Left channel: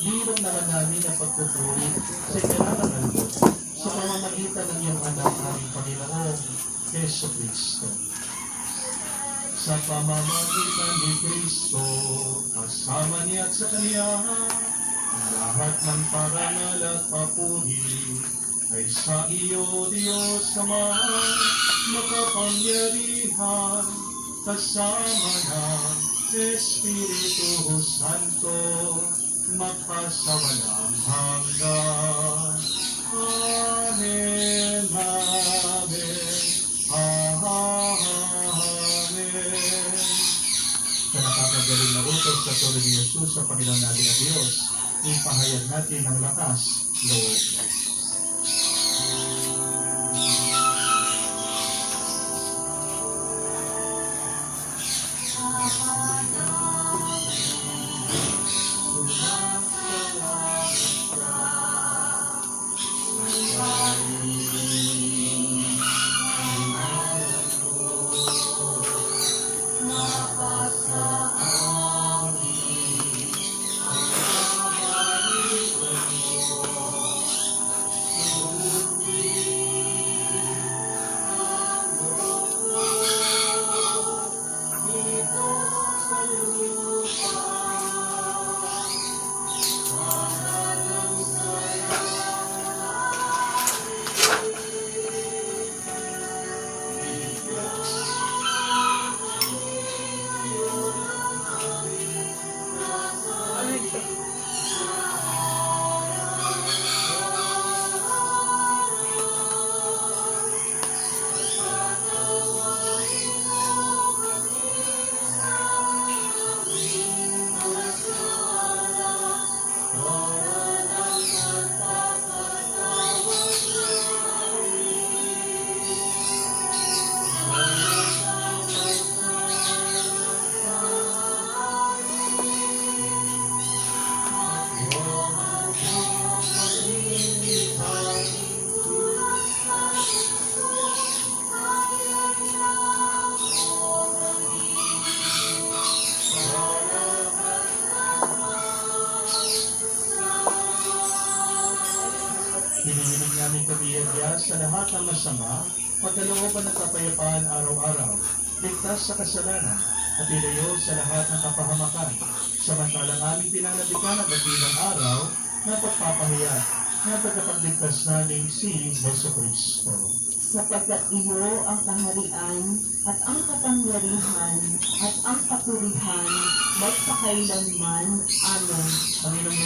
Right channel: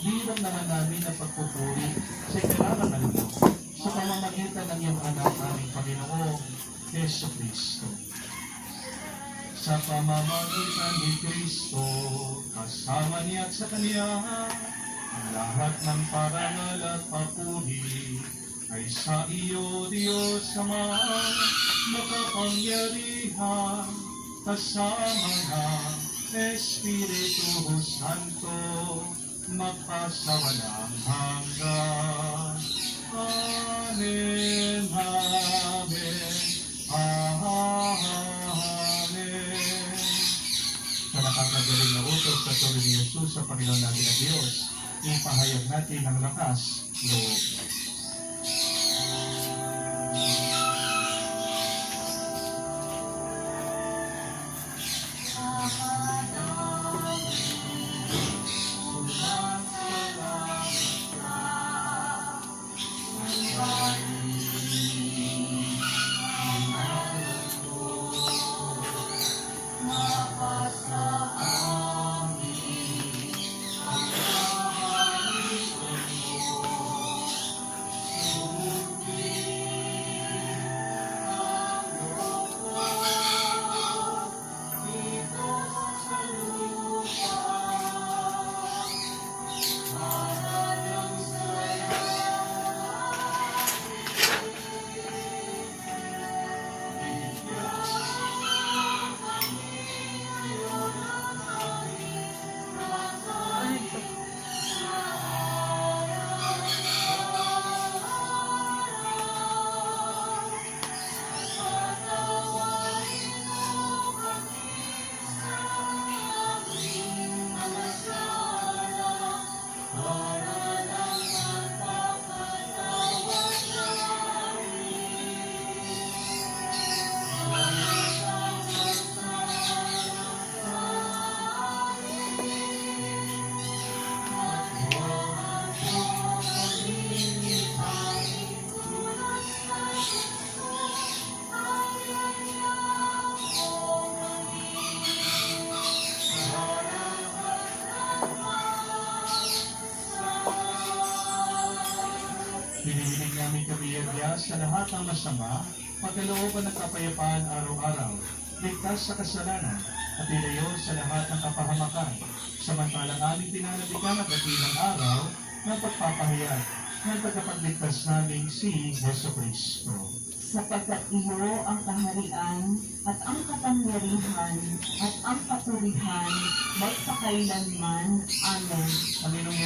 bilang naman namin ang pagpupuri sa kailangan mo sa pamamagitan ng iyong anak ng Panginoong Yesu Cristo. Sa pamamagitan ni Cristo, kasama niya at sa Kanya, ang lahat ng parangal at papuri ay sa iyo, Diyos Ama, makapangyarihan, kasama ng Espiritu Santo, magpasawalang hanggan. Amen, Amen, Amen. Sa nakakagaling na utos sa tuloy ni Jesus sa Panginoon natin na Diyos, ipahayag natin ang lakas, Lord. Hinihiling namin kabiyaya sa lahat ng masama, pagkalooban ng kapayapaan araw-araw, ligtas sa kasalanan, at ilayo sa lahat ng kapahamakan, samantalang aming pinanabikan ang dakilang araw na pagpapahiya na tagapagligtas namin si Yesu Cristo. Sapagkat iyo ang kaharian at ang kapangyarihan at ang papurihan magpakailanman. Amen. Panginoong